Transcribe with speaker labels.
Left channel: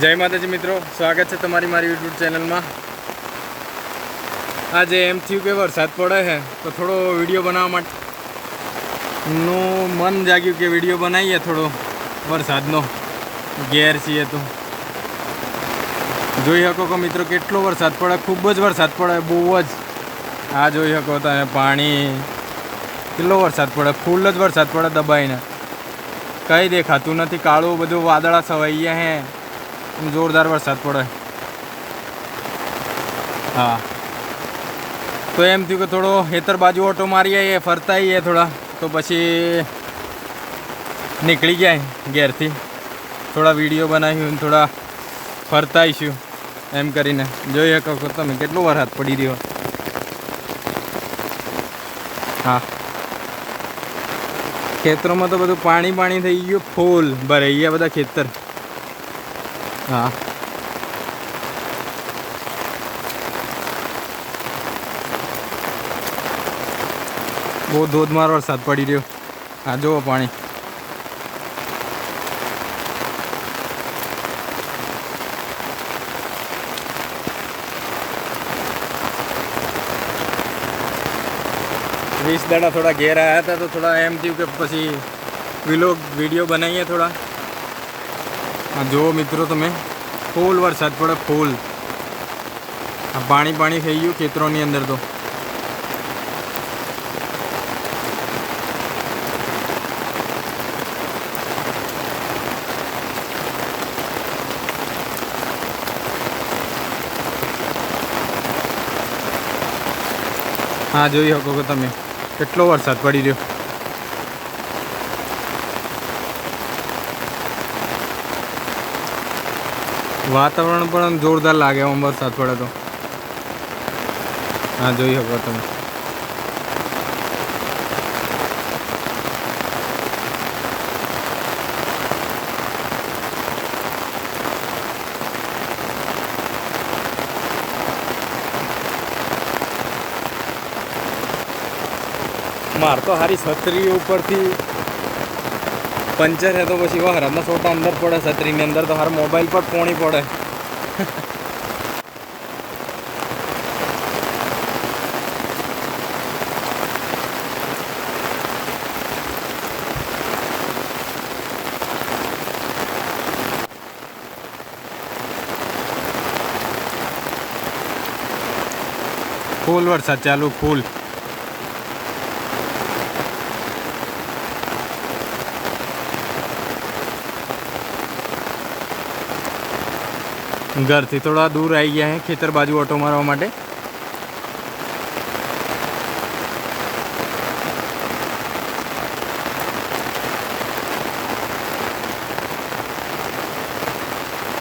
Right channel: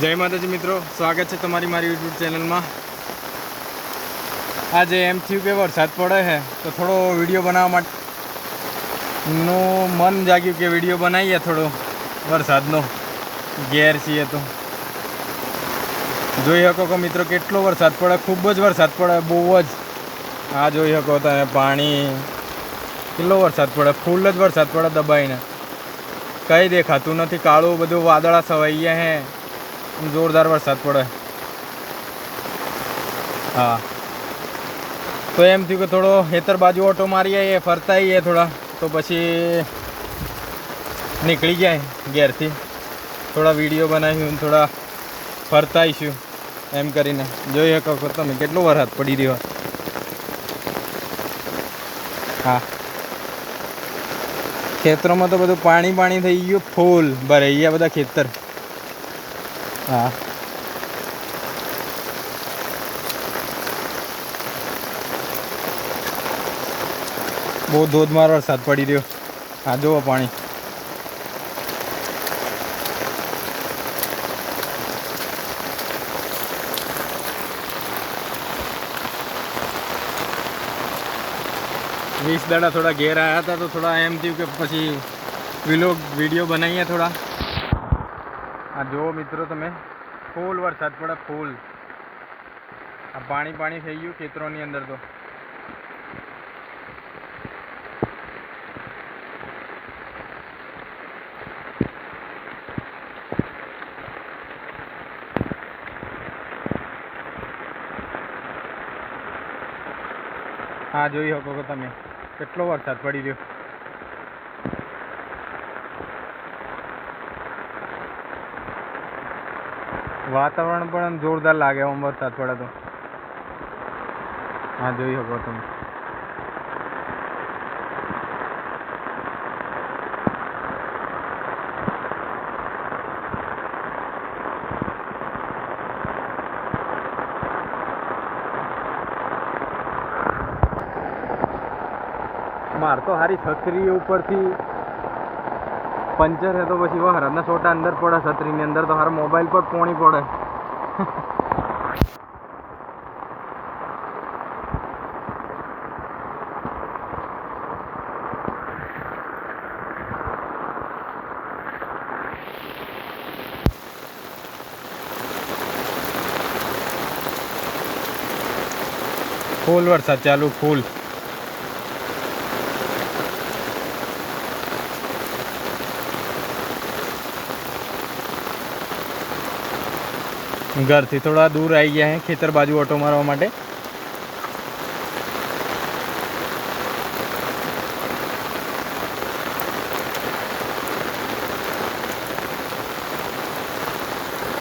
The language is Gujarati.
Speaker 1: જય માતાજી મિત્રો, સ્વાગત છે તમારી મારી યુટ્યુબ ચેનલમાં. આજે એમ થયું કે વરસાદ પડે છે, તો થોડો વીડિયો બનાવવા માટે નું મન જાગ્યું કે વીડિયો બનાવીએ થોડો વરસાદનો. ઘેર છીએ તો. જોઈ શકો કે મિત્રો કેટલો વરસાદ પડે, ખૂબ જ વરસાદ પડે, બહુ જ. આ જોઈ શકો તમે પાણી, કેટલો વરસાદ પડે, ફૂલ જ વરસાદ પડે દબાઈને. કંઈ દેખાતું નથી, કાળું બધું વાદળા છવાઈ ગયા હે જોરદાર વરસાદ પડે. હા. તો એમ થયું કે થોડો હેતર બાજુ ઓટો મારી આવીએ ફરતા આવીએ થોડા, તો પછી નીકળી ગયા ઘેરથી. થોડા વીડિયો બનાવ્યું થોડા ફરતા આવીશું એમ કરીને. જોઈ શકો તમે કેટલો વરસાદ પડી રહ્યો. હા. ખેતરોમાં તો બધું પાણી પાણી થઈ ગયું, ફૂલ ભરાઈ ગયા બધા ખેતર. હા બહુ ધોધમાર વરસાદ પડી રહ્યો. આ જુઓ પાણી. વીસ દાડા થોડા ઘેર આવ્યા હતા તો થોડા એમ થયું કે પછી વિલોગ વીડિયો બનાવીએ થોડા. આ જુઓ મિત્રો તમે, ફૂલ વરસાદ પડે, ફૂલ. આ પાણી પાણી થઈ ગયું ખેતરોની અંદર તો. હા, જોઈ શકો કે તમે, કેટલો વરસાદ પડી રહ્યો. વાતાવરણ પણ જોરદાર લાગે આમ વરસાદ પડે તો. હા, જોઈ શકો તમે. માર તો હારી છત્રી ઉપરથી પંચર હે તો પછી વહરાદના છોટા અંદર પડે, છત્રીની અંદર તો હાર મોબાઈલ પર પોણી પડે. ફૂલ વરસાદ ચાલુ, ફૂલ. ઘરથી થોડા દૂર આવી ગયા હે ખેતર બાજુ ઓટો મારવા માટે.